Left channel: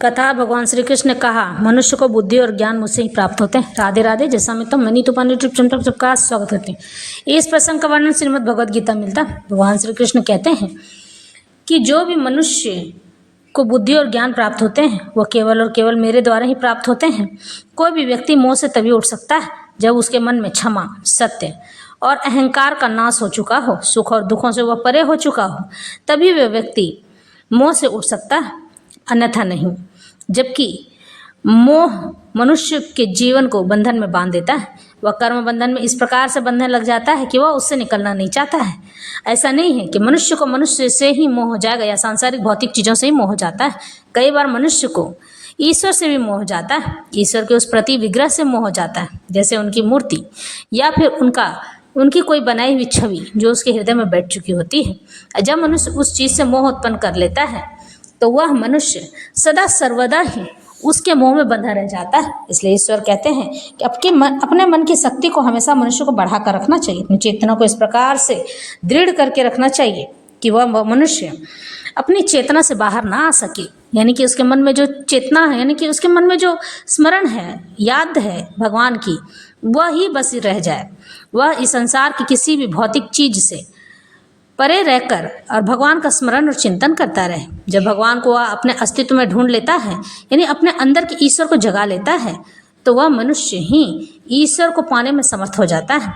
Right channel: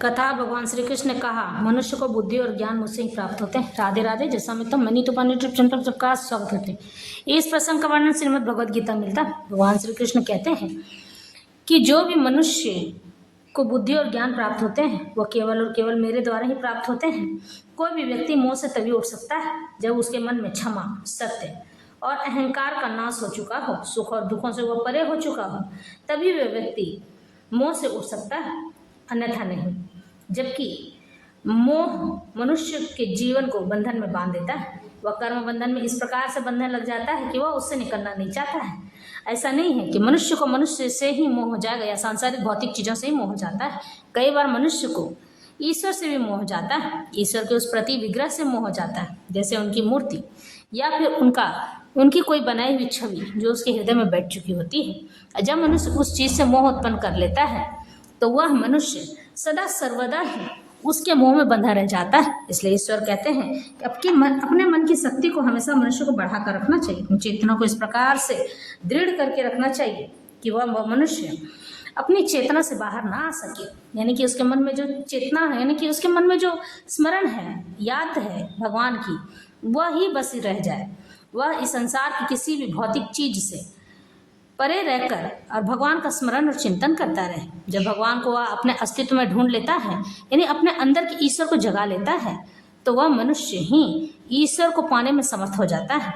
कथा भगवान श्री कृष्ण ने कहा, मनुष्य को बुद्धि और ज्ञान मुझसे ही प्राप्त होते हैं। राधे राधे। जैसा मैं तो मनी तो पानी सबका स्वागत करते हैं। इस प्रसंग का वर्णन श्रीमद् भगवद गीता मिलता। भगवान श्री कृष्ण कहते हैं कि जो भी मनुष्य को बुद्धि और ज्ञान प्राप्त होते हैं वह केवल और केवल मेरे द्वारा ही प्राप्त होते हैं। कोई भी व्यक्ति मोह से तभी उठ सकता है जब उसके मन में क्षमा, सत्य और अहंकार का नाश हो चुका हो, सुख और दुखों से वह परे हो चुका हो, तभी वह व्यक्ति मोह से उठ सकता है, अन्यथा नहीं। जबकि मोह मनुष्य के जीवन को बंधन में बांध देता है। वह कर्म बंधन में इस प्रकार से बंधने लग जाता है कि वह उससे निकलना नहीं चाहता है। ऐसा नहीं है कि मनुष्य को मनुष्य से ही मोह हो जाएगा या सांसारिक भौतिक चीज़ों से ही मोह हो जाता है। कई बार मनुष्य को ईश्वर से भी मोह हो जाता है, ईश्वर के उस प्रति विग्रह से मोह हो जाता है, जैसे उनकी मूर्ति या फिर उनकी कोई बनाई हुई छवि जो उसके हृदय में बैठ चुकी होती है। जब मनुष्य उस चीज़ से मोह उत्पन्न कर लेता है तो वह मनुष्य सदा सर्वदा ही उसके मोह में बंधा रह जाता है। इसलिए ईश्वर कहते हैं कि अपने मन की शक्ति को हमेशा मनुष्य को बढ़ा कर रखना चाहिए, अपनी चेतना को इस प्रकार से दृढ़ करके रखना चाहिए कि वह मनुष्य अपनी चेतना से बाहर ना आ सके। यानी कि उसके मन में जो चेतना है, यानी कि उसके मन में जो स्मरण है, याद है भगवान की, वह ही बस रह जाए। वह इस संसार की किसी भी भौतिक चीज से परे रहकर और भगवान का स्मरण और चिंतन करता रहे। जब भगवान को वह अपने अस्तित्व में ढूंढ लेता है, यानी अपने अंदर के ईश्वर को जगा लेता है, तो वह मनुष्य ही ईश्वर को पाने में समर्थ हो जाता है।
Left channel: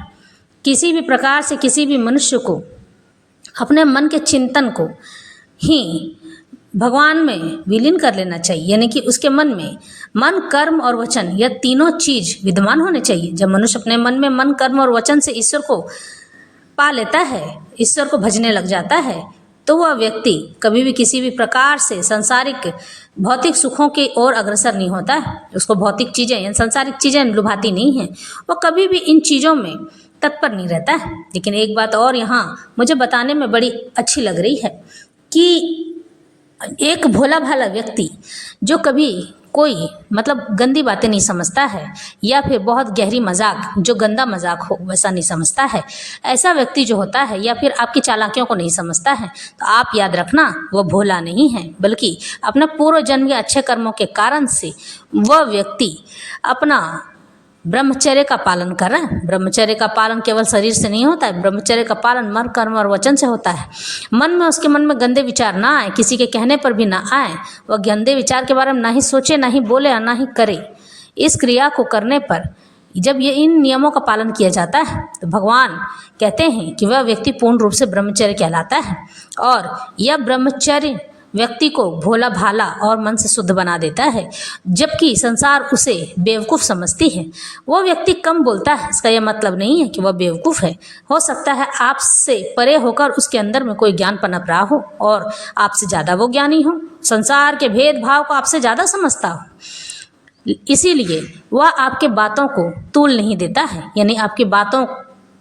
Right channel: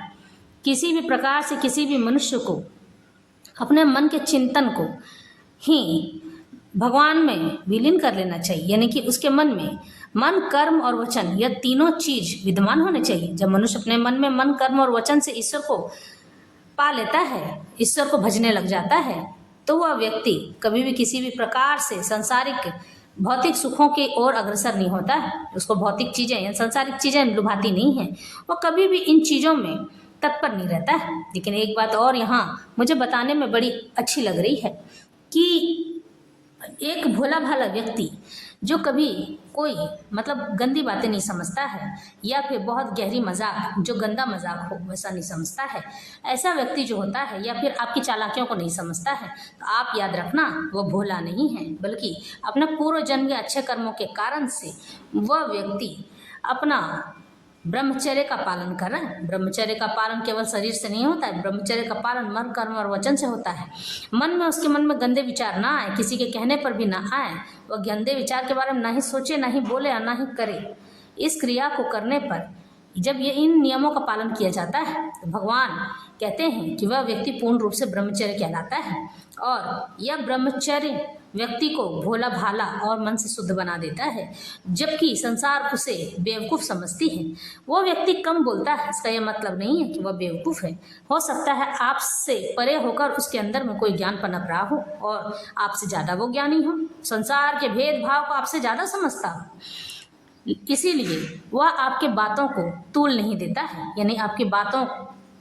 किसी भी प्रकार से किसी भी मनुष्य को अपने मन के चिंतन को ही भगवान में विलीन कर लेना चाहिए। यानी कि उसके मन में मन, कर्म और वचन, यह तीनों चीज विद्यमान होने चाहिए। जब मनुष्य अपने मन में मन, कर्म और वचन से ईश्वर को पा लेता है, ईश्वर को भजने लग जाता है, तो वह व्यक्ति कभी भी किसी भी प्रकार से सांसारिक भौतिक सुखों की ओर अग्रसर नहीं होता है। उसको भौतिक चीज़ें या सांसारिक चीज़ें लुभाती नहीं हैं। वह कभी भी इन चीज़ों में तत्पर नहीं रहता है। लेकिन एक बात और यहाँ मुझे बताने में बड़ी अच्छी लग रही है कि एक भोला भाला व्यक्ति जो कभी कोई गंदी बातें नहीं समझता है या फिर बहुत गहरी मजाक, जो गंदा मजाक हो वैसा नहीं समझता है, ऐसा व्यक्ति जो होता है या फिर आपकी चालाकियों को नहीं समझता है, तो आप याद रखना वह भोला नहीं है, बल्कि अपने पूर्व जन्म के अच्छे कर्मों के कारण से वह व्यक्ति अपना ब्रह्मचर्य का पालन कर रहा है। ब्रह्मचर्य का पालन केवल शरीर से नहीं होता है, ब्रह्मचर्य का पालन मन, कर्म और वचन से होता है। उसके मन में गंदे विचार ना आए, किसी के कहने पर भी ना आए, वह गंदे विचार के बारे में ना ही सोचे, ना ही बोले और ना ही करे। इस क्रिया को करने पर जब ये इन नियमों का पालन किया जाता है तो भगवान कहते हैं कि वह व्यक्ति पूर्ण रूप से ब्रह्मचर्य कहलाता है। और यह ब्रह्मचर्य व्यक्ति को भोला भाला और मन से शुद्ध बना देता है, जबकि संसार उसे बेवकूफ़ समझती है। वो व्यक्ति कम बोलता है, इसका यह मतलब नहीं है कि वह बेवकूफ़ है। हो सकता है आपसे परे होकर उसके अंदर में कोई ज्ञान पनप रहा हो और आपसे ज़्यादा वो ज्ञानी हो, संसार के भेदभाव को आपसे ज़्यादा समझता हो। इसीलिए वह आपके बातों को तूल नहीं देता है, यानी आपकी बातों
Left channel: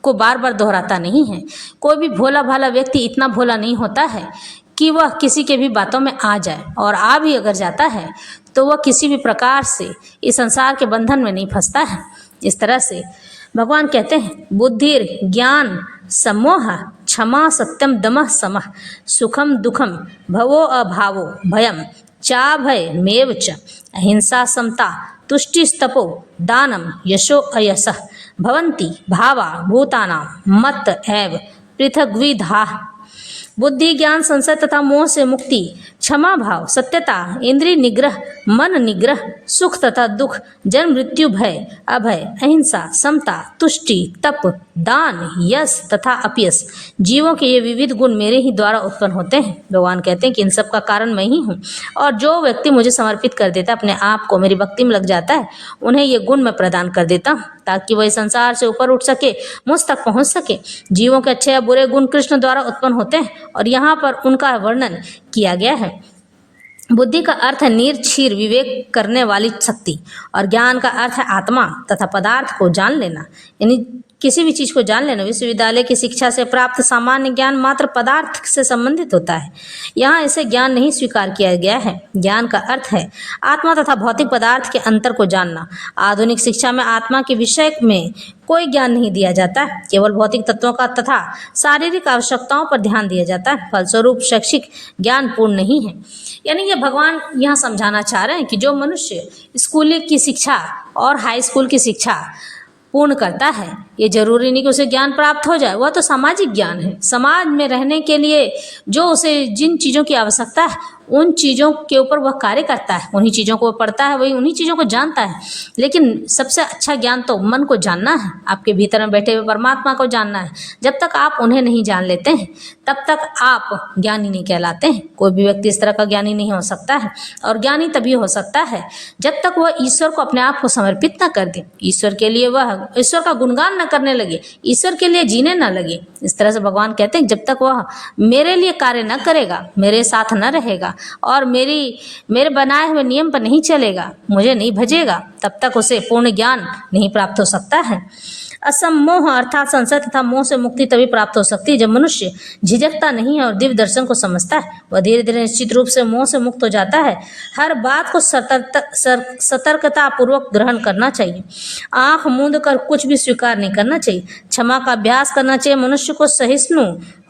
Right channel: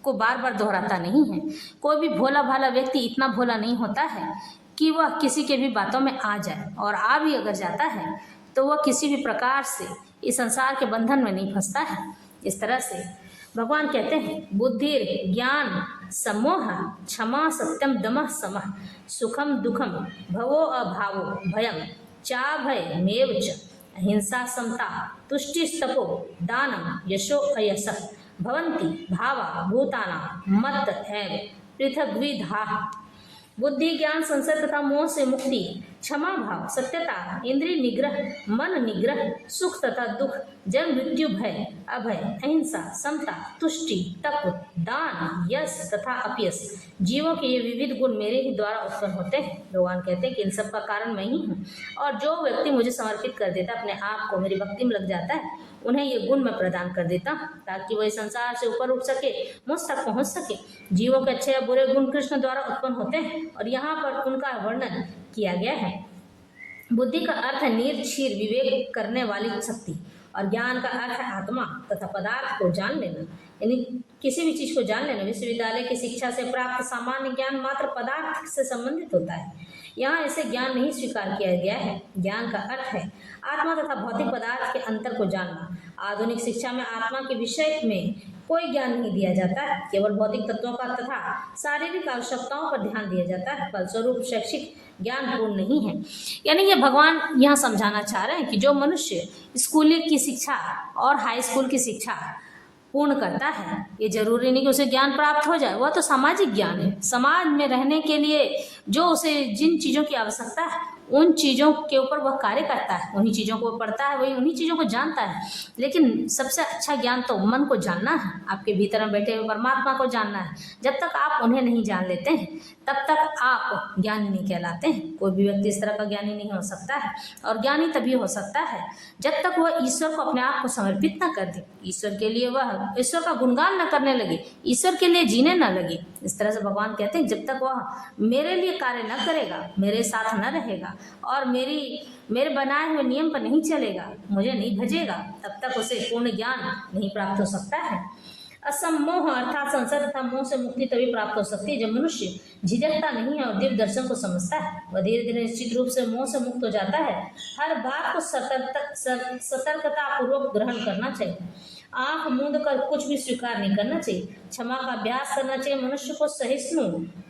को बार बार दोहराता नहीं है। कोई भी भोला भाला व्यक्ति इतना भोला नहीं होता है कि वह किसी के भी बातों में आ जाए, और आ भी अगर जाता है तो वह किसी भी प्रकार से इस संसार के बंधन में नहीं फंसता है। इस तरह से भगवान कहते हैं, बुद्धिर ज्ञान सम्मोह क्षमा सत्यम दमः समः सुखम दुखम भवो अभावो भयम चा भय मेव च अहिंसा समता तुष्टिस्तपो दानम यशो अयसः भवन्ति भावा भूतानां मत एव पृथग्विधाः। बुद्धि, ज्ञान, संशय तथा मोह से मुक्ति, क्षमा भाव, सत्यता, इंद्रिय निग्रह, मन निग्रह, सुख तथा दुख, जन्म मृत्यु भय, अभय, अहिंसा, समता, तुष्टि, तप, दान, यश तथा अपयश, जीवों के ये विविध गुण मेरे ही द्वारा उत्पन्न होते हैं। भगवान कहते हैं कि इन सब का कारण मैं ही हूँ, और जो व्यक्ति मुझे समर्पित कर देता है, अपने आप को मेरी भक्ति में लग जाता है, उन्हें ये गुण मैं प्रदान कर देता हूँ ताकि वह संसार से ऊपर उठ सके, मुझ तक पहुँच सके। जीवों के अच्छे या बुरे गुण कृष्ण द्वारा उत्पन्न होते हैं और यहाँ पर उनका वर्णन किया गया है। बुद्धि का अर्थ है निर्क्षीर विवेक करने वाली शक्ति, और ज्ञान का अर्थ है आत्मा तथा पदार्थ को जान लेना, यानी किसी भी चीज़ को जान लेना। विश्वविद्यालय की शिक्षा से प्राप्त सामान्य ज्ञान मात्र पदार्थ से संबंधित होता है। यहाँ इसे ज्ञान नहीं स्वीकार किया गया है। ज्ञान का अर्थ है आत्मा तथा भौतिक पदार्थ के अंतर को जानना। आधुनिक शिक्षा में आत्मा के विषय में कोई ज्ञान नहीं दिया जाता है, केवल भौतिक तत्वों का तथा शारीरिक आवश्यकताओं पर ध्यान दिया जाता है। फलस्वरूप शैक्षिक ज्ञान पूर्ण नहीं है। यानी ये भगवान यहाँ समझाना चाह रहे हैं कि जो मनुष्य स्कूल की शिक्षा और हाई स्कूल की शिक्षा पूर्ण करता है, ये जरूरी नहीं कि उसे ज्ञान प्राप्त हो जाए, वह तो सामाजिक ज्ञान है। समाज में रहने के लिए जो उसे जिन चीज़ों की आवश्यकता है उन चीज़ों के ऊपर वह कार्य करता है, उन्हीं चीज़ों को वह पढ़ता है, वही उन्हीं चीज़ों को जानता है। लेकिन सबसे अच्छा ज्ञान तो मन को जानना है, आपके भीतर में बैठे हुए परमात्मा को जानना है। जब तक आप उन्हें नहीं जान लेते हैं तब तक आप ज्ञानी नहीं कहलाते हैं। कोई भी व्यक्ति इस तरह का ज्ञानी नहीं हो सकता है, और ज्ञानी तभी हो सकता है जब तक वह ईश्वर को अपने आप को समर्पित न कर दे, ईश्वर के लिए वह ईश्वर का गुणगान न करने लगे, ईश्वर के लिए जीने न लगे। इस तरह से भगवान कहते हैं जब तक वह मेरे लिए कार्य न करेगा, मेरे साथ न रहेगा और मेरे बनाए हुए नियम पर नहीं चलेगा, मुझे नहीं भजेगा, तब तक उसे पूर्ण ज्ञान नहीं प्राप्त हो सकता है। असम्मोह अर्थात संशय तथा मोह से मुक्ति तभी प्राप्त हो सकती है जब मनुष्य झिझकता नहीं है और दिव्य दर्शन को समझता है। वह धीरे धीरे निश्चित रूप से मोह से मुक्त हो जाता है। हर बात को सतर्कता पूर्वक ग्रहण करना चाहिए। आंख मूंद कर कुछ भी स्वीकार नहीं करना चाहिए। क्षमा का अभ्यास करना चाहिए। मनुष्य को सहिष्णु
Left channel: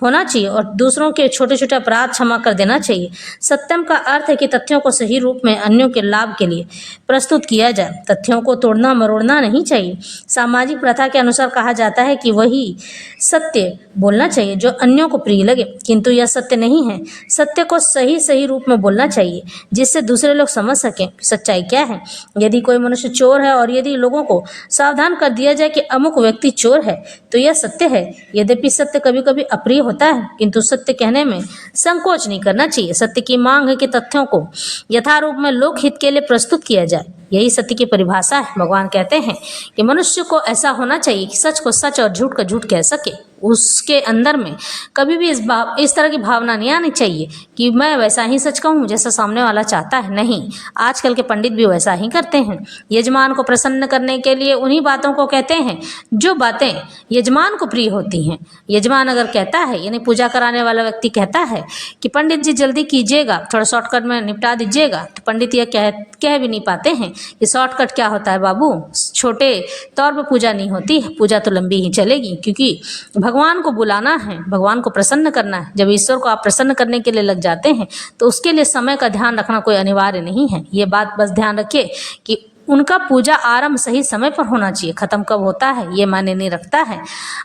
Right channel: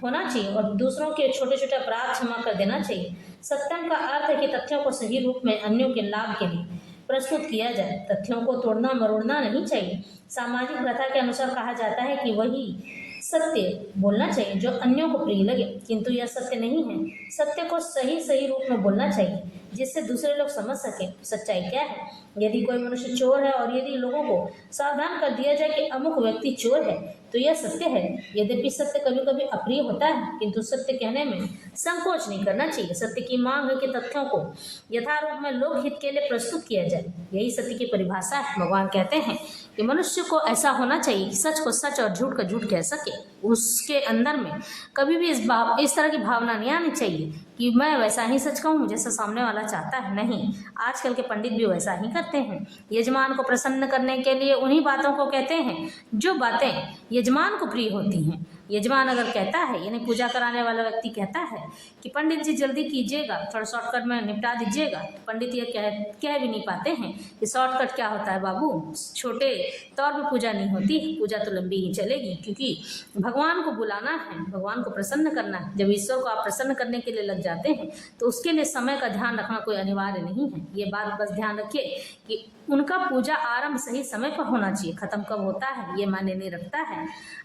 होना चाहिए और दूसरों के छोटे छोटे अपराध क्षमा कर देना चाहिए। सत्यम का अर्थ है कि तथ्यों को सही रूप में अन्यों के लाभ के लिए प्रस्तुत किया जाए। तथ्यों को तोड़ना मरोड़ना नहीं चाहिए। सामाजिक प्रथा के अनुसार कहा जाता है कि वही सत्य बोलना चाहिए जो अन्यों को प्रिय लगे, किंतु यह सत्य नहीं है। सत्य को सही रूप में बोलना चाहिए जिससे दूसरे लोग समझ सकें सच्चाई क्या है। यदि कोई मनुष्य चोर है और यदि लोगों को सावधान कर दिया जाए कि अमुक व्यक्ति चोर है तो यह सत्य है। यद्यपि सत्य कभी कभी अप्रिय होता है, किंतु सत्य कहने में संकोच नहीं करना चाहिए। सत्य की मांग है कि तथ्यों को यथारूप में लोकहित के लिए प्रस्तुत किया जाए। यही सत्य की परिभाषा है। भगवान कहते हैं कि मनुष्य को ऐसा होना चाहिए कि सच को सच और झूठ को झूठ कह सके। उसके अंदर में कभी भी इस तरह की भावना नहीं आनी चाहिए कि मैं वैसा ही सच कहूँ जैसा सामने वाला चाहता है। नहीं, आजकल के पंडित भी वैसा ही करते हैं। यजमान को प्रसन्न करने के लिए उन्हीं बातों को कहते हैं जो बातें यजमान को प्रिय होती हैं। यजमान अगर कहता है, यानी पूजा कराने वाला व्यक्ति कहता है कि पंडित जी जल्दी कीजिएगा, थोड़ा शॉर्टकट में निपटा दीजिएगा, तो पंडित यह कह भी नहीं पाते हैं कि शॉर्टकट क्या होता है बाबू, छोटे तौर पर पूजा नहीं होती, पूजा तो लंबी ही चलेगी, क्योंकि भगवान को बुलाना है, भगवान को प्रसन्न करना है। जब ईश्वर को आप प्रसन्न करने के लिए लग जाते हैं तो उसके लिए समय का ध्यान रखना कोई अनिवार्य नहीं है। ये बात बस ध्यान रखिए कि उनका पूजा आरंभ सही समय पर होना चाहिए। ख़त्म कब होता है ये मायने नहीं रखता है।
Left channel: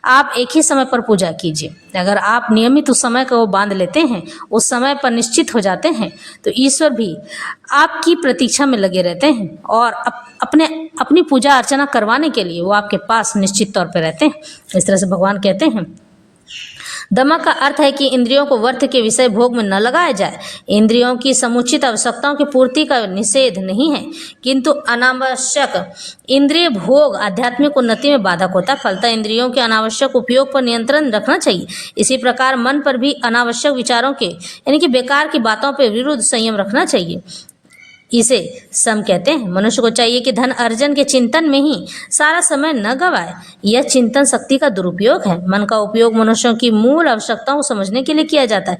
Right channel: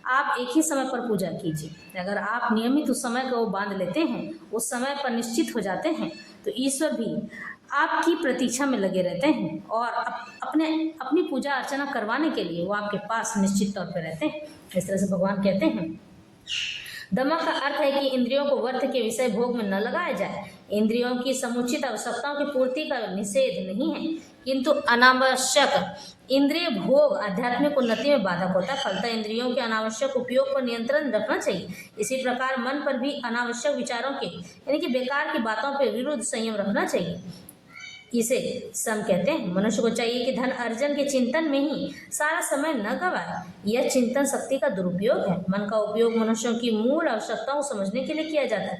आप एक ही समय पर पूजा कीजिए। अगर आप नियमित उस समय को बांध लेते हैं, उस समय पर निश्चित हो जाते हैं, तो ईश्वर भी आपकी प्रतीक्षा में लगे रहते हैं और अपनी पूजा अर्चना करवाने के लिए वो आपके पास निश्चित तौर पर रहते हैं। इस तरह से भगवान कहते हैं दमक का अर्थ है कि इंद्रियों को व्यर्थ के विषय भोग में न लगाया जाए। इंद्रियों की समुचित आवश्यकताओं की पूर्ति का निषेध नहीं है, किंतु अनावश्यक इंद्रिय भोग आध्यात्मिक उन्नति में बाधक होता है। फलतः इंद्रियों के अनावश्यक उपयोग पर नियंत्रण रखना चाहिए। इसी प्रकार मन पर भी अनावश्यक विचारों के यानी कि बेकार की बातों पर विरुद्ध संयम रखना चाहिए। इसे सम कहते हैं। मनुष्य को चाहिए कि धन अर्जन के चिंतन में ही सारा समय न गवाए। यह चिंतन शक्ति का दुरुपयोग है। मन का उपयोग मनुष्यों की मूल आवश्यकताओं को समझने के लिए किया जाता है।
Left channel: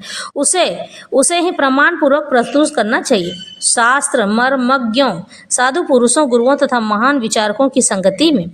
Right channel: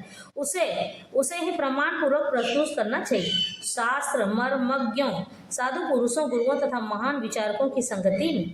उसे ही प्रमाण पूर्वक प्रस्तुत करना चाहिए। शास्त्र मर्मज्ञों, साधु पुरुषों, गुरुओं तथा महान विचारकों की संगति में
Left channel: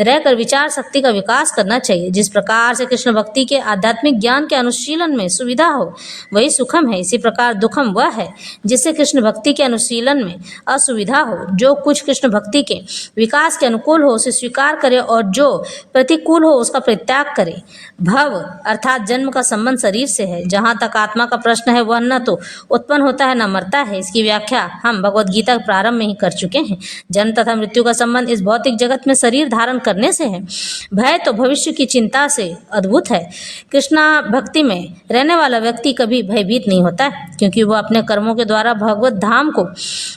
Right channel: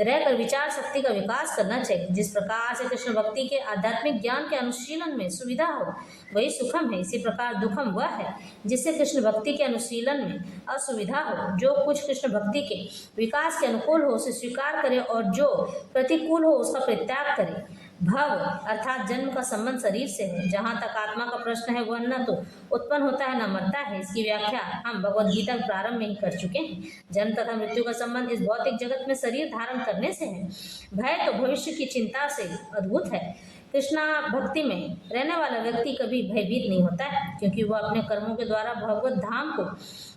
रहकर विचार शक्ति का विकास करना चाहिए। जिस प्रकार से कृष्ण भक्ति के आध्यात्मिक ज्ञान के अनुशीलन में सुविधा हो वही सुखम है, इसी प्रकार दुखम वह है जिससे कृष्ण भक्ति के अनुशीलन में असुविधा हो। जो कुछ कृष्ण भक्ति के विकास के अनुकूल हो उसे स्वीकार करे और जो प्रतिकूल हो उसका परित्याग करे। भव अर्थात जन्म का संबंध शरीर से है। जहाँ तक आत्मा का प्रश्न है वह न तो उत्पन्न होता है न मरता है। इसकी व्याख्या हम भगवद गीता के प्रारंभ में ही कर चुके हैं। जन्म तथा मृत्यु का संबंध इस भौतिक जगत में शरीर धारण करने से है। भय तो भविष्य की चिंता से अद्भुत है। कृष्णा भक्ति में रहने वाला व्यक्ति कभी भयभीत नहीं होता है, क्योंकि वह अपने कर्मों के द्वारा भगवत धाम को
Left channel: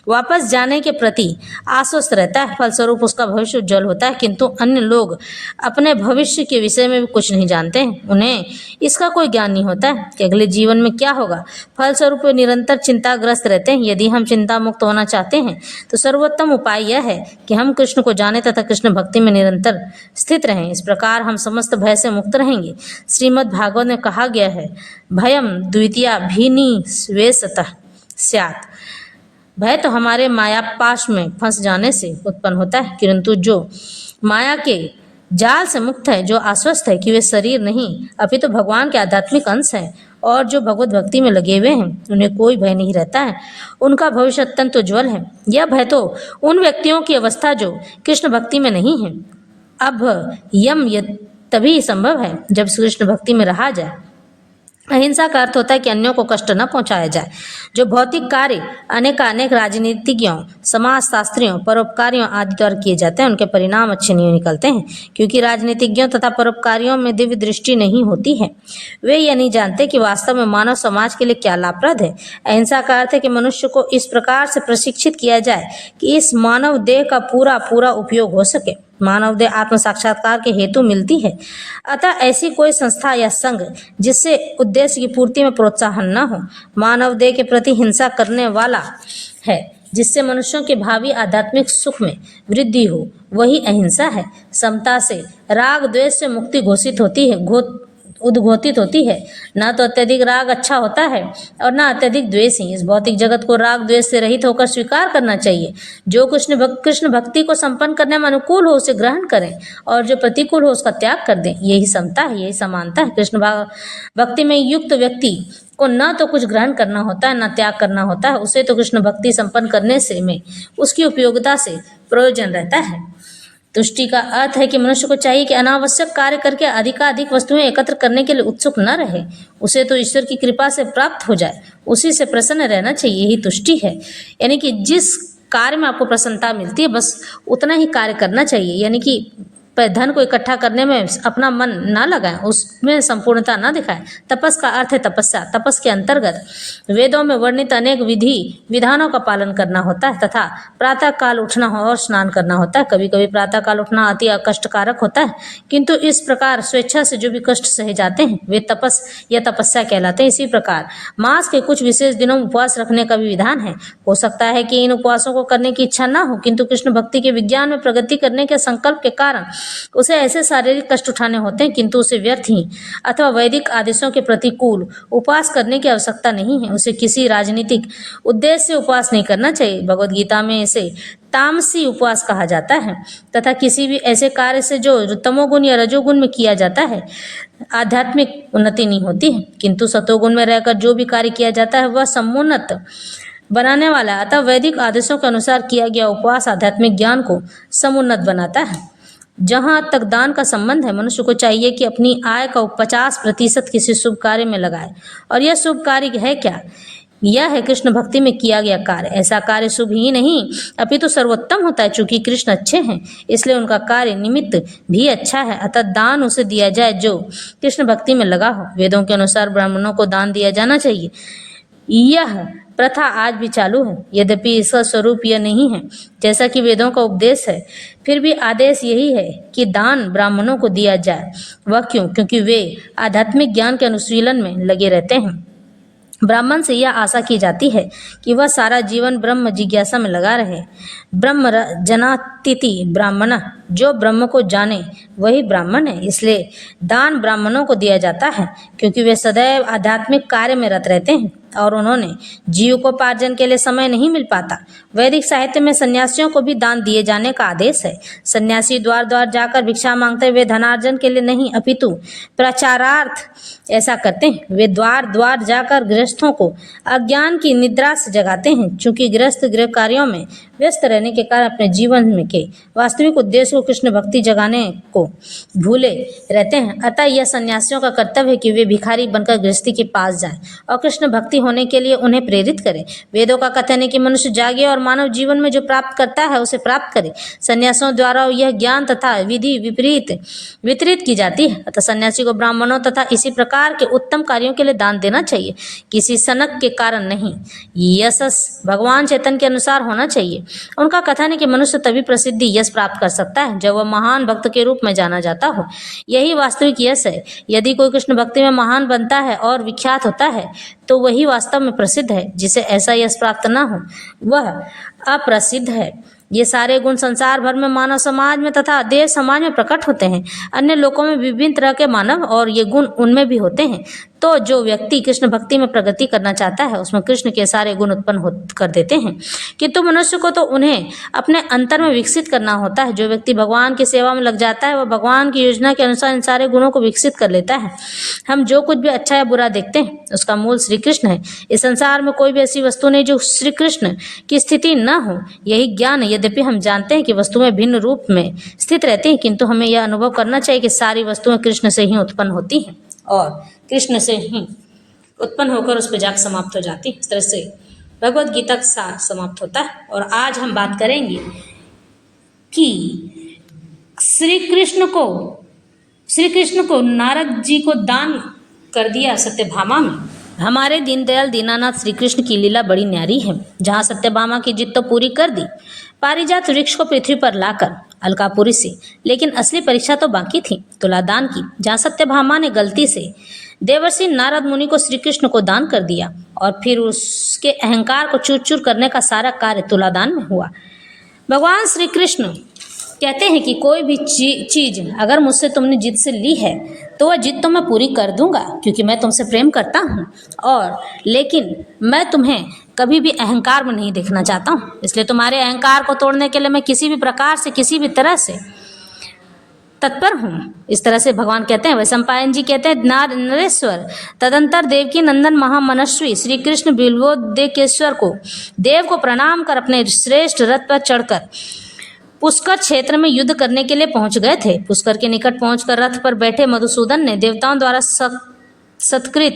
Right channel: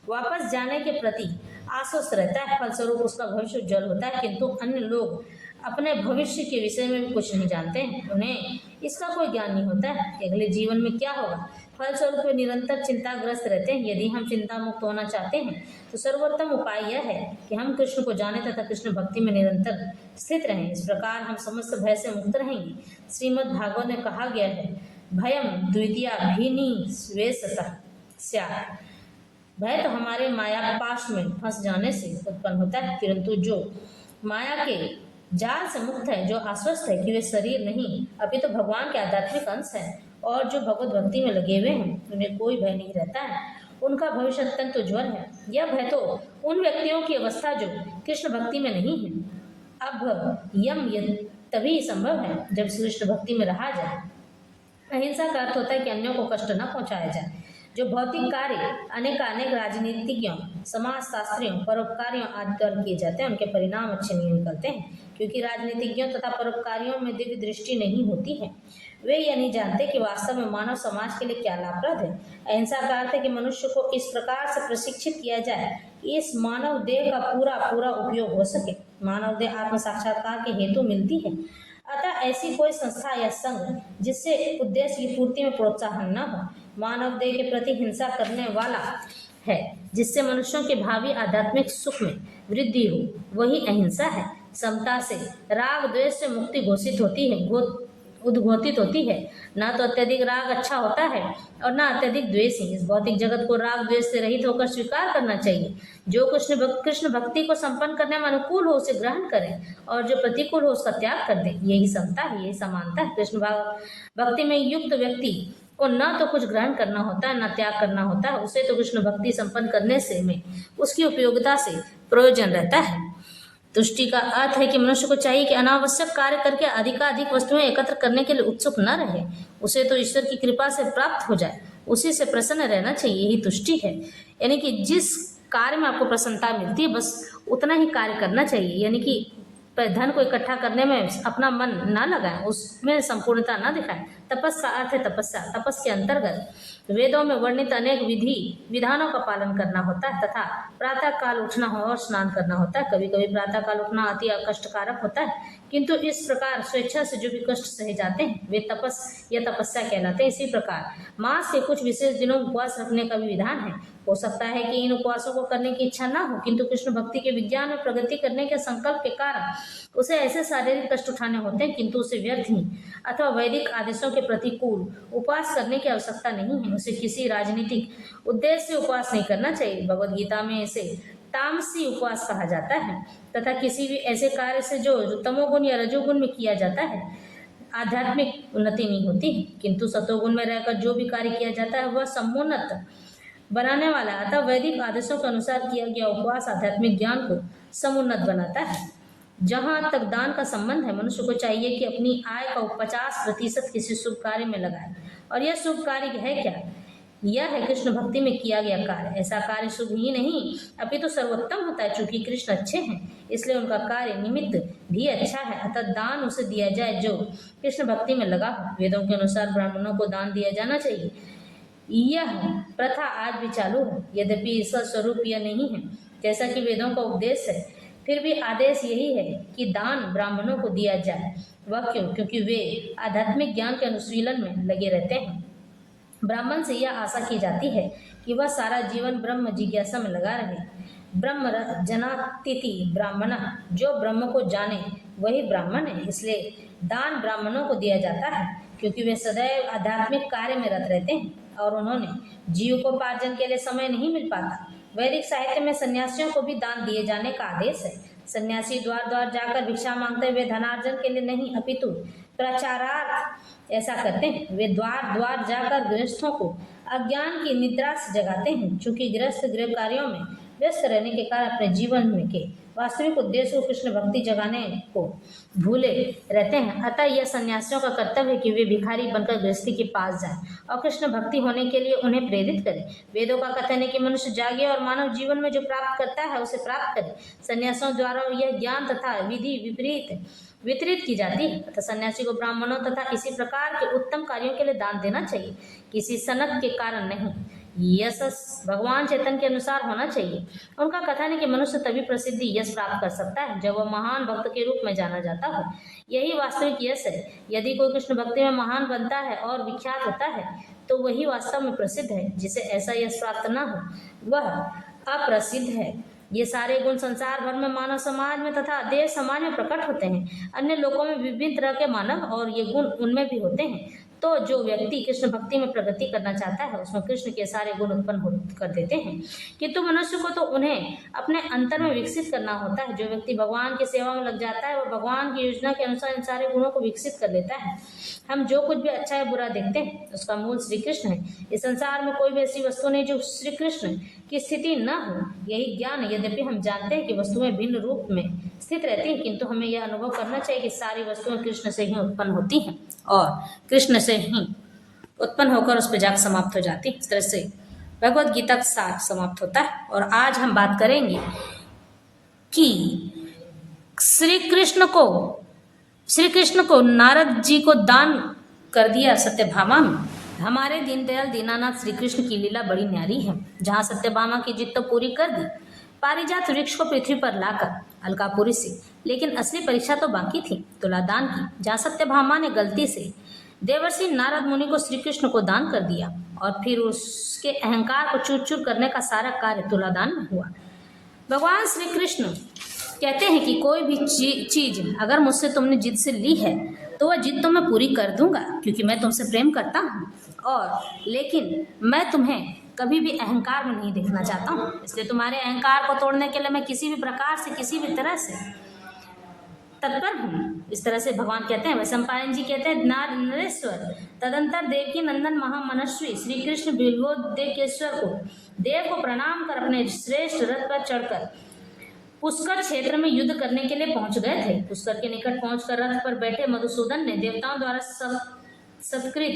वापस जाने के प्रति आश्वस्त रहता है, फलस्वरूप उसका भविष्य उज्जवल होता है। किंतु अन्य लोग अपने भविष्य के विषय में भी कुछ नहीं जानते हैं, उन्हें इसका कोई ज्ञान नहीं होता है कि अगले जीवन में क्या होगा। फलस्वरूप वे निरंतर चिंताग्रस्त रहते हैं। यदि हम चिंता मुक्त होना चाहते हैं तो सर्वोत्तम उपाय यह है कि हम कृष्ण को जाने तथा कृष्ण भक्ति में निरंतर स्थित रहें। इस प्रकार हम समस्त भय से मुक्त रहेंगे। श्रीमद् भागवत में कहा गया है, भयम द्वितीया भीनिवेशतः स्यात्। भय तो हमारे मायापाश में फंस जाने से उत्पन्न होता है, किंतु जो माया के जाल से मुक्त है, जो आश्वस्त है कि वे शरीर नहीं अपितु भगवान के आध्यात्मिक अंश हैं और जो भगवत भक्ति में लगे हुए हैं, उन्हें कोई भय नहीं रहता है, उनका भविष्य अत्यंत उज्ज्वल है। यह भय तो उन व्यक्तियों की अवस्था जो कृष्ण भक्ति में नहीं है। अब यम तभी संभव है जब कृष्ण भक्ति में रहा जाए। अहिंसा का अर्थ होता है कि अन्यों को कष्ट न पहुंचाया जाए। जो भौतिक कार्य अनेक राजनीतिज्ञों, समाजशास्त्रियों, परोपकारियों आदि द्वारा किए जाते हैं, उनके परिणाम अच्छे नहीं निकलते हैं, क्योंकि राजनीतिज्ञों तथा परोपकारियों में दिव्य दृष्टि नहीं होती है। वे यह नहीं जानते कि वास्तव में मानव समाज के लिए क्या लाभप्रद है। अहिंसा का अर्थ है कि मनुष्य को इस प्रकार से प्रशिक्षित किया जाए कि इस मानव देह का पूरा उपयोग हो सके। मानव देह आत्म साक्षात्कार के हेतु मिलती है, अतः ऐसी कोई संस्था या संघ जिससे उद्देश्य की पूर्ति में प्रोत्साहन न हो, मानव देह के प्रति हिंसा करने वाला है, जिससे मनुष्यों के भावी आध्यात्मिक सुख में वृद्धि हो, वही अहिंसा है। समता से राग द्वेष से मुक्ति उद्घोषित होती है। ना तो अत्यधिक राग अच्छा होता है और ना अत्यधिक द्वेष ही। इस भौतिक जगत को राग द्वेष से रहित होकर स्वीकार करना चाहिए। जो कृष्ण भक्ति को संपन्न करने में अनुकूल हो उसे ग्रहण करें और जो प्रतिकूल हो उसका त्याग कर दें। यही समता है, यही समानता है। कृष्ण भक्ति में युक्त व्यक्ति को न तो कुछ ग्रहण करना होता है, न त्याग करना होता है। उसे तो कृष्ण भक्ति संपन्न करने से में उसकी उपयोगिता से प्रयोजन रहता है। तुष्टि का अर्थ है कि मनुष्य को चाहिए कि अनावश्यक कार्य करके अधिकाधिक वस्तुएं एकत्र करने के लिए उत्सुक न रहे। उसे तो ईश्वर की कृपा से प्राप्त हो जाए, उसी से प्रसन्न रहना चाहिए। यही तुष्टि है, यानी कि जिस कार्य में आपको प्रसन्नता मिलती है बस उतना ही कार्य करना चाहिए। यानी कि धन को इकट्ठा करने में अपना मन ना लगाएं, उसमें संपूर्णता ना दिखाएं। तपस का अर्थ है तपस्या। तपस के अंतर्गत वेदों में वर्णित अनेक विधानों का पालन करना होता है तथा प्रातः काल उठना और स्नान करना होता है। कभी कभी प्रातः काल उठना अति कष्टकारक होता है, किंतु इस प्रकार स्वेच्छा से जो भी कष्ट सहे जाते हैं वे तपस या तपस्या कहलाते हैं। इसी प्रकार मास के कुछ विशेष दिनों में उपवास रखने का भी विधान है। हो सकता है कि इन उपवासों को करने की इच्छा ना हो, किंतु कृष्ण भक्ति के विज्ञान में प्रगति करने के संकल्प के कारण उसे ऐसे शारीरिक कष्ट उठाने होते हैं, किंतु उसे व्यर्थ ही अथवा वैदिक आदेशों के प्रतिकूल उपवास करने की आवश्यकता नहीं है। उसे किसी राजनीतिक उद्देश्य से उपवास नहीं करना चाहिए। भगवद गीता में इसे तामसी उपवास कहा जाता है तथा किसी भी ऐसे कार्य से जो तमोगुण या रजोगुण में किया जाता है आध्यात्मिक उन्नति नहीं होती है, किंतु सतोगुण में रहकर जो भी कार्य किया जाता है वह समुन्नत बनाने वाला है। अतः वैदिक आदेशों के अनुसार किया गया उपवास आध्यात्मिक ज्ञान को समुन्नत बनाता है। जहाँ तक दान का संबंध है, मनुष्य को चाहिए कि अपनी आय का 50% किसी शुभ कार्य में लगाए। और यह शुभ कार्य है क्या? यह है कृष्ण भक्ति में किया गया कार्य। ऐसा कार्य शुभ ही नहीं अपितु सर्वोत्तम होता है। चूंकि कृष्ण अच्छे हैं इसलिए उनका कार्य निमित्त भी अच्छा है। अतः दान उसे दिया जाए जो कृष्ण भक्ति में लगा हो। वेदों के अनुसार ब्राह्मणों को दान दिया जाना चाहिए। यह प्रथा आज भी चालू है, यद्यपि इसका स्वरूप यह नहीं है जैसा कि वेदों का उपदेश है, फिर भी आदेश यही है कि दान ब्राह्मणों को दिया जाए। वह क्यों? क्योंकि वे आध्यात्मिक ज्ञान के अनुशीलन में लगे रहते हैं। ब्राह्मण से यह आशा की जाती है कि वह सारा जीवन ब्रह्म जिज्ञासा में लगा रहे। ब्रह्म जनातिथि ब्राह्मण, जो ब्रह्म को जाने वही ब्राह्मण है। इसलिए दान ब्राह्मणों को दिया जाता है क्योंकि वे सदैव आध्यात्मिक कार्य में रत रहते हैं और उन्होंने जीविकोपार्जन के लिए समय नहीं मिल पाता। वैदिक साहित्य में सन्यासियों को भी दान दिए जाने का आदेश है। सन्यासी द्वार द्वार जाकर भिक्षा मांगते हुए धनार्जन के लिए नहीं अपितु प्रचारार्थ ऐसा करते हैं। वे द्वार द्वार जाकर गृहस्थों को अज्ञान की निद्रा से जगाते हैं। चूंकि गृहस्थ गृह कार्यों में व्यस्त रहने के कारण अपने जीवन में के वास्तविक उद्देश्य को कृष्ण भक्ति जगाने को भूले रहते हैं। अतः यह सन्यासियों का कर्तव्य है कि वे भिखारी बनकर गृहस्थी के पास जाएं और कृष्ण भक्ति होने के लिए उन्हें प्रेरित करें। वेदों का कथन है कि मनुष्य जागे और मानव जीवन में जो प्राप्त करता है उसे प्राप्त करे। सन्यासियों द्वारा यह ज्ञान तथा विधि वितरित की जाती है। अतः सन्यासी को ब्राह्मणों तथा इसी प्रकार के उत्तम कार्यों के लिए दान देना चाहिए। किसी सनक के कारण नहीं। यशस भगवान चैतन्य के अनुसार होना चाहिए। उनका कथन है कि मनुष्य तभी प्रसिद्धि यश प्राप्त कर सकता है जब वह महान भक्त के रूप में जाना जाता हो। यही वास्तविक यश है। यदि कोई कृष्ण भक्ति में महान बनता है और विख्यात होता है तो वही वास्तव में प्रसिद्ध है। जिसे ऐसा यश प्राप्त न हो वह अप्रसिद्ध है। ये सारे गुण संसार भर में मानव समाज में तथा देव समाज में प्रकट होते हैं। अन्य लोकों में विभिन्न तरह के मानव और ये गुण उनमें भी होते हैं। तो जो व्यक्ति कृष्ण भक्ति में प्रगति करना चाहता है उसमें कृष्ण के सारे गुण उत्पन्न कर देते हैं, किंतु मनुष्य को तो उन्हें अपने अंतर में विकसित करना होता है। जो व्यक्ति भगवान की सेवा में लग जाता है वह भगवान की योजना के अनुसार इन सारे गुणों को विकसित कर लेता है। हम जो कुछ भी अच्छा या बुरा देखते हैं उसका मूल श्री कृष्ण है। इस संसार में कोई भी ऐसी वस्तु नहीं जो श्री कृष्ण की स्थिति न हो। यही ज्ञान है। यद्यपि हम जानते हैं कि वस्तुएं भिन्न रूप में स्थित रहती हैं, किंतु हमें यह अनुभव करना चाहिए कि सारी वस्तुएं कृष्ण से ही उत्पन्न होती हैं और कृष्ण से ही उत्पन्न होकर उस पर जाकर समाप्त हो जाती है। इस तरह से भगवद गीता का सार समाप्त होता है। और आज हम बात करेंगे कि श्री कृष्ण को नारद जी को दान कर दिया सत्यभामा में। हमारे दीनदयाल दीनानाथ श्री कृष्ण की लीला बड़ी न्यारी है। जहाँ सत्यभामा की जिद तो पूरी कर दी पारिजात वृक्ष को पृथ्वी पर लाकर अलकापुरी से, लेकिन असली परीक्षा तो बाकी थी, तुलादान की। जहाँ सत्यभामा ने गलती से देवर्षि नारद मुनि को श्री कृष्ण को दान कर दिया और फिर उसके अहंकार को चूर चूर करने का सारा कार्य तुलादान में हुआ। भगवान श्री कृष्ण कहते हैं कि कोई भी चीज अगर मुझसे तुमने जिद से ली है तो वह जिद तो मैं पूरी कर दूंगा, क्योंकि मैं तुमसे प्रेम करता हूँ और लेकिन मैं तुम्हें कभी भी अहंकार में नहीं देखना चाहता हूँ। इसलिए तुम्हारे अहंकार को तोड़ने के लिए मैं किसी भी प्रकार से किसी भी तरह से तत्पर हूँ। इस तरह से भगवान कहते हैं। वैशंपायन जी कहते हैं, नरेश्वर तदंतर देवकी नंदन महामनस्वी श्री कृष्ण बिल्वोदेकेश्वर को देव को प्रणाम कर अपने श्रेष्ठ रथ पर चढ़कर पुष्कर क्षेत्र में युद्ध करने के लिए पहुंच गए थे। पुष्कर के निकट पहुंचकर रथ पर बैठे मधुसूदन ने देवताओं द्वारा सत्कृत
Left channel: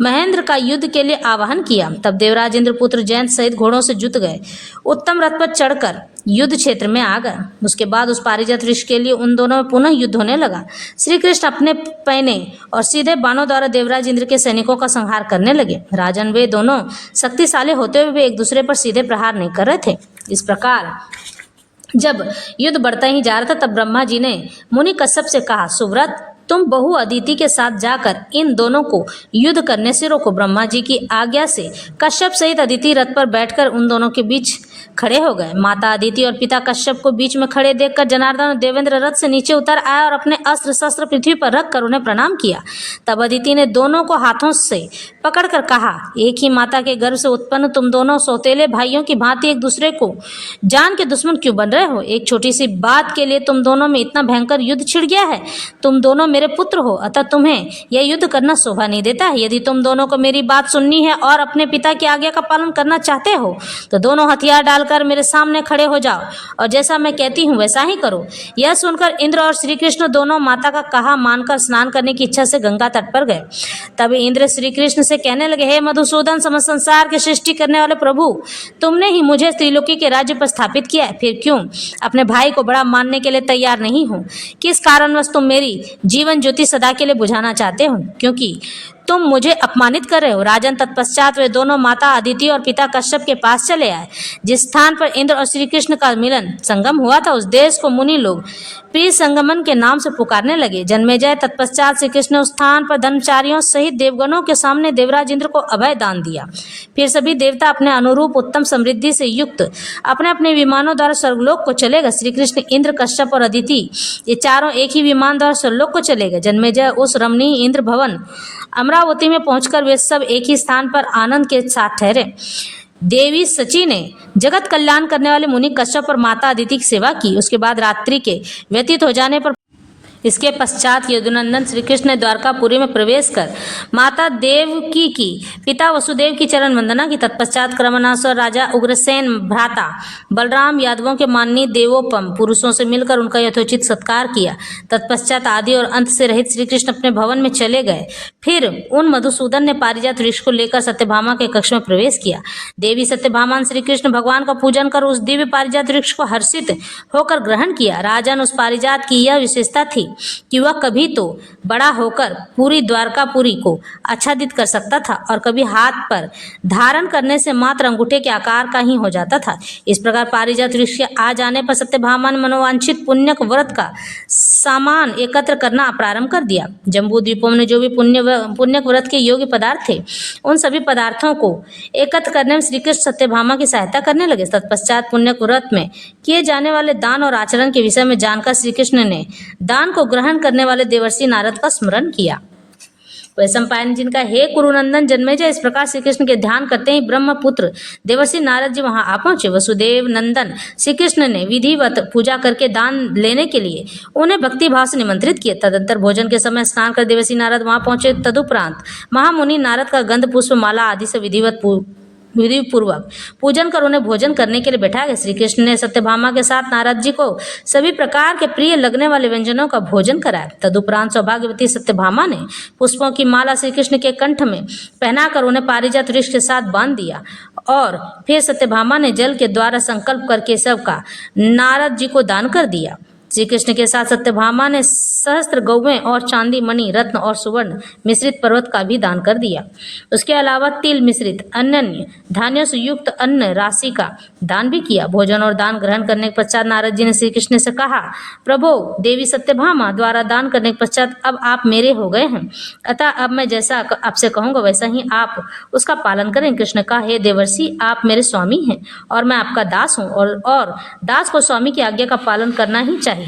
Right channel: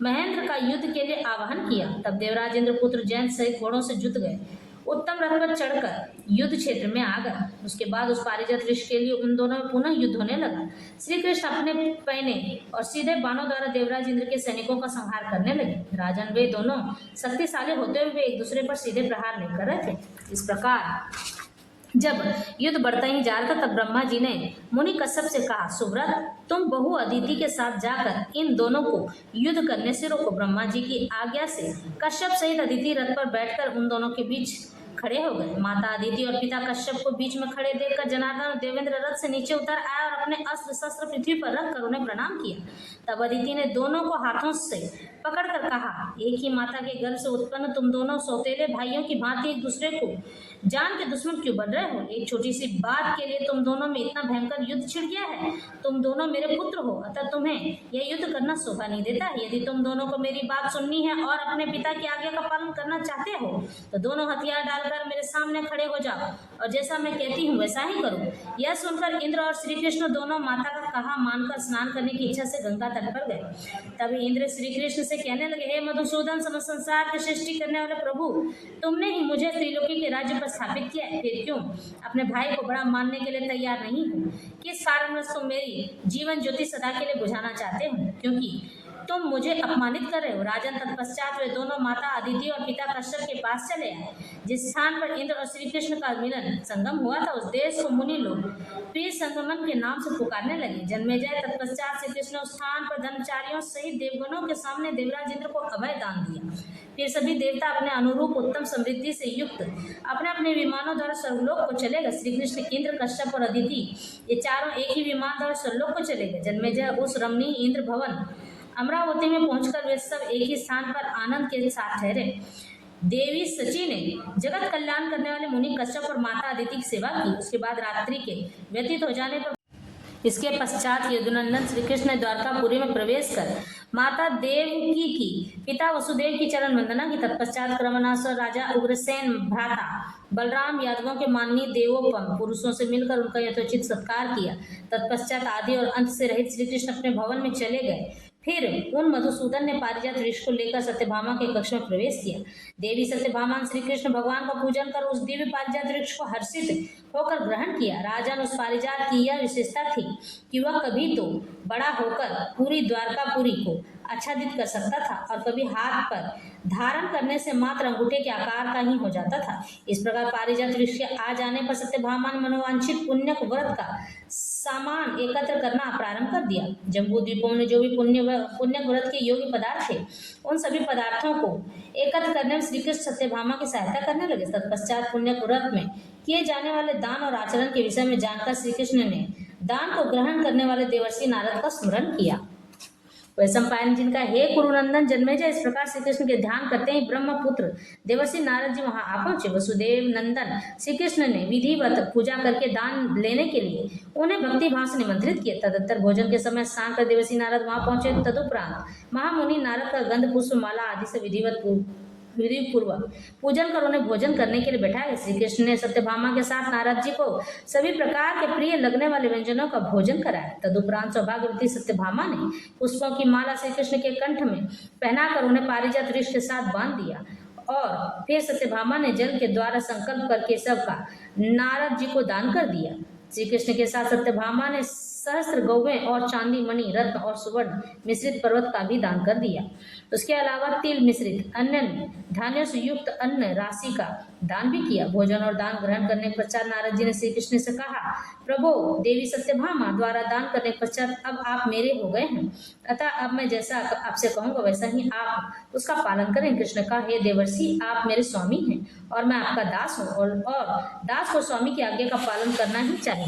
महेंद्र का युद्ध के लिए आवाहन किया। तब देवराज इंद्रपुत्र जयंत सहित घोड़ों से जुट गए, उत्तम रथ पर चढ़कर युद्ध क्षेत्र में आ गए। उसके बाद उस पारिजात वृक्ष के लिए उन दोनों में पुनः युद्ध होने लगा। श्री कृष्ण अपने पैने और सीधे बाणों द्वारा देवराज इंद्र के सैनिकों का संहार करने लगे। राजन, वे दोनों शक्तिशाली होते हुए वे एक दूसरे पर सीधे प्रहार नहीं कर रहे थे। इस प्रकार जब युद्ध बढ़ता ही जा रहा था तब ब्रह्मा जी ने मुनि कश्यप से कहा, सुव्रत तुम बहु अदिति के साथ जाकर इन दोनों को युद्ध करने से रोको। ब्रह्मा जी की आज्ञा से कश्यप सहित अदिति रथ पर बैठकर उन दोनों के बीच खड़े हो गए। माता अदिति और पिता कश्यप को बीच में खड़े देखकर जनार्दन और देवेंद्र रथ से नीचे उतर आया और अपने अस्त्र शस्त्र पृथ्वी पर रखकर उन्हें प्रणाम किया। तब अदिति ने दोनों को हाथों से पकड़कर कहा, एक ही माता के गर्भ से उत्पन्न तुम दोनों सौतेले भाइयों की भांति एक दूसरे को जान के दुश्मन क्यों बन रहे हो? एक छोटी सी बात के लिए तुम दोनों में इतना भयंकर युद्ध छिड़ गया है। तुम दोनों मेरे पुत्र हो, अतः तुम्हें यह युद्ध करना शोभा नहीं देता है। यदि तुम दोनों को मेरी बात सुननी है और अपने पिता की आज्ञा का पालन करना चाहते हो तो दोनों हथियार डालकर मेरे सामने खड़े हो जाओ और जैसा मैं कहती हूँ वैसा ही करो। यह सुनकर इंद्र और श्री कृष्ण दोनों माता का कहा मानकर स्नान करने की इच्छा से गंगा तट पर गए। तब इंद्र श्री कृष्ण से कहने लगे, हे मधुसूदन, समस्त संसार की सृष्टि करने वाले प्रभु, तुमने ही मुझे त्रिलोकी के राज्य पर स्थापित किया है, फिर क्यों अपने भाई को बड़ा मानने के लिए तैयार नहीं हो? किस कारणवश तुम मेरी जीवन ज्योति सदा के लिए बुझाना चाहते हो? क्योंकि तुम मुझे अपमानित कर रहे हो। राजन, तत्पश्चात वे दोनों माता अदिति और पिता कश्यप के पास चले आए। जिस स्थान पर इंद्र और श्री कृष्ण का मिलन संगम हुआ था उस देश को मुनि लोग प्रिय संगमन के नाम से पुकारने लगे। जन्मेजय, तत्पश्चात श्री कृष्ण उस स्थान पर धर्मचारियों सहित देवगणों के सामने देवराज इंद्र को अभय दान दिया। फिर सभी देवता अपने अनुरूप उत्तम समृद्धि से युक्त अपने अपने विमानों द्वारा स्वर्गलोक को चले गए। श्री कृष्ण, इंद्र, कश्यप और अदिति ये चारों एक ही विमान द्वारा स्वर्गलोक को चले गए। जन्मेजय, उस रमणीय इंद्र भवन अमरावती में पहुंचकर वे सब एक ही स्थान पर आनंद के साथ ठहरे। देवी सची ने जगत कल्याण करने वाले मुनि कश्यप और माता अदिति की सेवा की। उसके बाद रात्रि के व्यतीत हो जाने पर इसके पश्चात यदुनंदन श्री कृष्ण ने द्वारकापुरी में प्रवेश कर माता देवकी की पिता वसुदेव की चरण वंदना की। तत्पश्चात क्रमनासुर राजा उग्रसेन भ्राता बलराम यादवों के माननीय देवोपम पुरुषों से मिलकर उनका यथोचित सत्कार किया। तत्पश्चात आदि और अंत से रहित श्री कृष्ण अपने भवन में चले गए। फिर उन मधुसूदन ने पारिजात वृक्ष को लेकर सत्यभामा के कक्ष में प्रवेश किया। देवी सत्यभामा श्री कृष्ण भगवान का पूजन कर उस दिव्य पारिजात वृक्ष को हर्षित होकर ग्रहण किया। राजन, उस पारिजात की यह विशेषता थी कि वह कभी तो बड़ा होकर पूरी द्वारकापुरी को आच्छादित कर सकता था और कभी हाथ पर धारण करने से मात्र अंगूठे के आकार का ही हो जाता था। इस प्रकार पारिजात वृक्ष के आ जाने पर सत्यभामा ने मनोवांछित पुण्यक व्रत का सामान एकत्र करना प्रारंभ कर दिया। जम्बू द्वीपों में जो भी पुण्यक व्रत के योग्य पदार्थ थे, उन सभी पदार्थों को एकत्र करने में श्री कृष्ण सत्यभामा की सहायता करने लगे। तत्पश्चात पुण्यक व्रत में किए जाने वाले दान और आचरण के विषय में जानकर श्री कृष्ण ने दान को ग्रहण करने वाले देवर्षि नारद का स्मरण किया। वैशंपायन जिनका हे कुरुनंदन जन्मेजय, इस प्रकार श्री कृष्ण के ध्यान करते ही ब्रह्मपुत्र देवर्षि नारद जी वहां आ पहुंचे। वसुदेव नंदन श्री कृष्ण ने विधिवत पूजा करके दान लेने के लिए उन्हें भक्ति भाव से निमंत्रित किया। तदंतर भोजन के समय स्नान कर देवर्षि नारद वहां पहुंचे। तदुपरांत महामुनि नारद का गंध पुष्प माला आदि से विधि पूर्वक पूजन कर उन्हें भोजन करने के लिए बैठा गया। श्री कृष्ण ने सत्यभामा के साथ नारद जी को सभी प्रकार के प्रिय लगने वाले व्यंजनों का भोजन कराया। तदुपरांत सौभाग्यवती सत्यभामा ने पुष्पों की माला श्री कृष्ण के कंठ में पहनाकर उन्हें पारिजात वृक्ष के साथ बांध दिया और फिर सत्यभामा ने जल के द्वारा संकल्प करके सबका नारद जी को दान कर दिया। श्री कृष्ण के साथ सत्यभामा ने सहस्त्र गौवें और चांदी, मणि, रत्न और सुवर्ण मिश्रित पर्वत का भी दान कर दिया। उसके अलावा तिल मिश्रित अन्य धान्यों से युक्त अन्न राशि का दान भी किया। भोजन और दान ग्रहण करने के पश्चात नारद जी ने श्री कृष्ण से कहा, प्रभो, देवी सत्यभामा द्वारा दान करने के पश्चात अब आप मेरे हो गए हैं, अतः अब मैं जैसा आपसे कहूँगा वैसा ही आप उसका पालन करें। कृष्ण कहा, हे देवर्षि, आप मेरे स्वामी हैं और मैं आपका दास हूँ और दास को स्वामी की आज्ञा का पालन करना ही चाहिए।